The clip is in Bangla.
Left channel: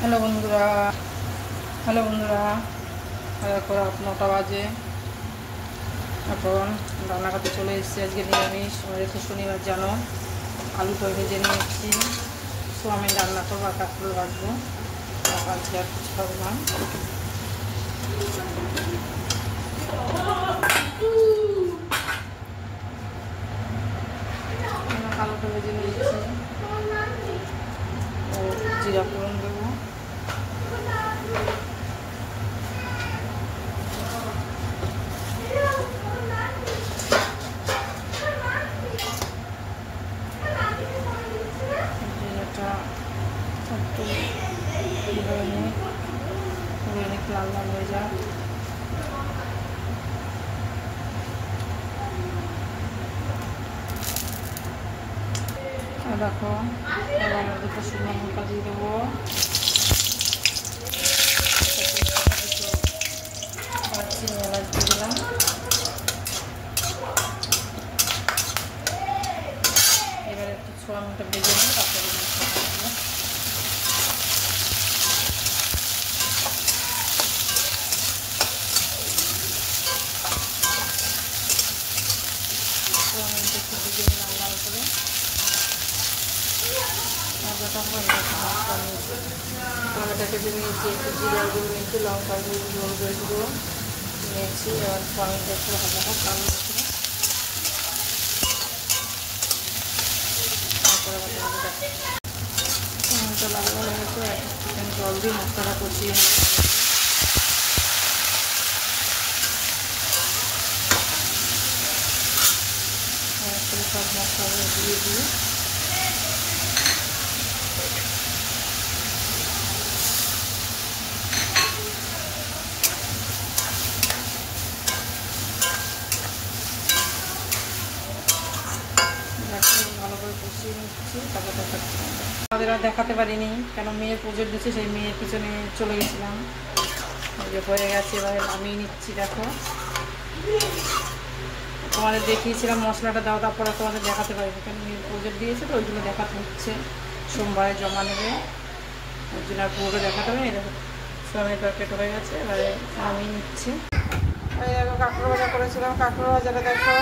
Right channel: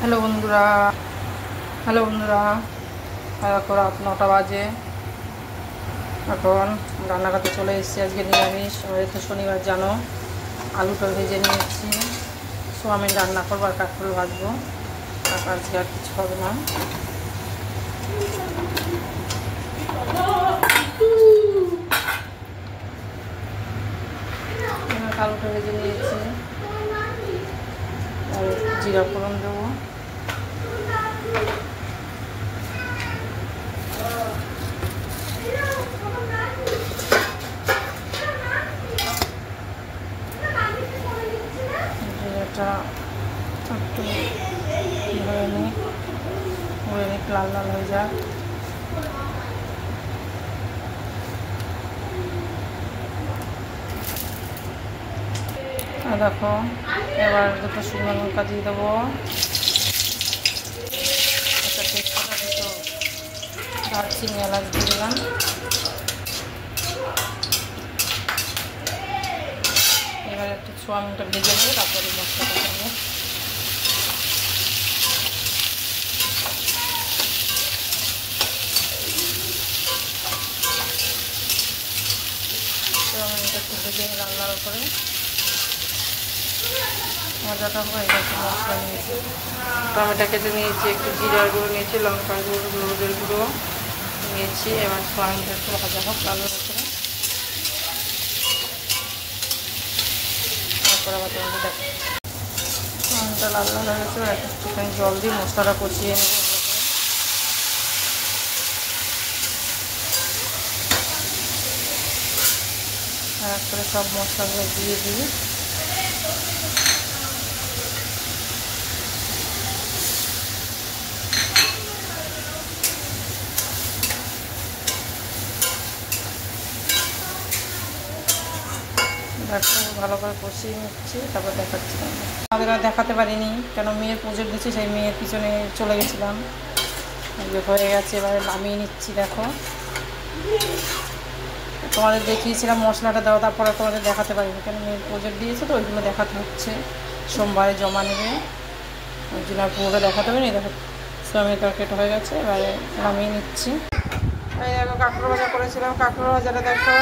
হ্যালো বন্ধুরা, হ্যালো বন্ধুরা, দেখো রাত 9টা বাজে। এখন রান্না করতে চলে এসেছি। আজকে নিরামিষ, আমাদের তো শনিবার জানো। আলুটা ভেজে নিয়েছি, সোয়াবিন রান্না করবো আর কাঁকরোল ভাজবো। আজকে আর কিছু হবে না। আলুটা ভেজে নিয়েছি আর জিরা ফোড়ন দেবো। জিরাটা একটু হয়ে নিই, লাল লাল হয়ে যাক। দেখো এবার দুটো শুকনো লঙ্কা দিয়ে দেবো, দুটো দারচিনি এলাচ দিয়ে দিলাম। এবার একটু সোয়াবিনটা ভেজে নেব, তারপরে মশলাটা দেবো। সোয়াবিনটা একটু ভেজে লাল লাল করে মজাটা হয়ে গেছে। মশলা নিয়েছি, টমেটো কেটে নিয়েছি, একটু জিরার গুঁড়ো নিয়েছি, লঙ্কার গুঁড়ো, হলুদের গুঁড়ো নিয়েছি। এবার সোয়াবিনটা একটু ভাজা হোক লাল লাল করে, তারপরে আবার তোমাকে দেখো সোয়াবিনটা লাল লাল হয়ে গেছে। একটুখানি জল দিয়ে মশলাটা কষিয়ে নেব। এক করে সব মশলাগুলো দিয়ে দিই। ভালো করে কষিয়ে নিচ্ছি, তারপর দেখাচ্ছি। আমাদের আর দেখাতে পারিনি, কেন মেয়ের পুজোর দিচ্ছি, সেই মেয়ের পিছনে চলে গেছিলাম। যে হয়ে গেছে, এবার নামিয়ে নিচ্ছি। দেখো তোমাদের দেখিয়েছিলাম মশলাটা দাও, তারপরে তোমাদের দেখাতে পারিনি, কেন মেয়ের পুজোর দিয়েছে তো ওইগুলো দেখাতে হচ্ছে। সোমবারে জমা নেবে, ওই জন্য আর পুরোটা দেখাতে পারিনি। দেখো সোয়াবিনের তরকারিটা হয়ে গেছে, এবারে নামিয়ে নিচ্ছি। এই দেখো কাঁকড়ো ভাজা করেছিলাম, কাঁকড়ো ভাজাটা দেখো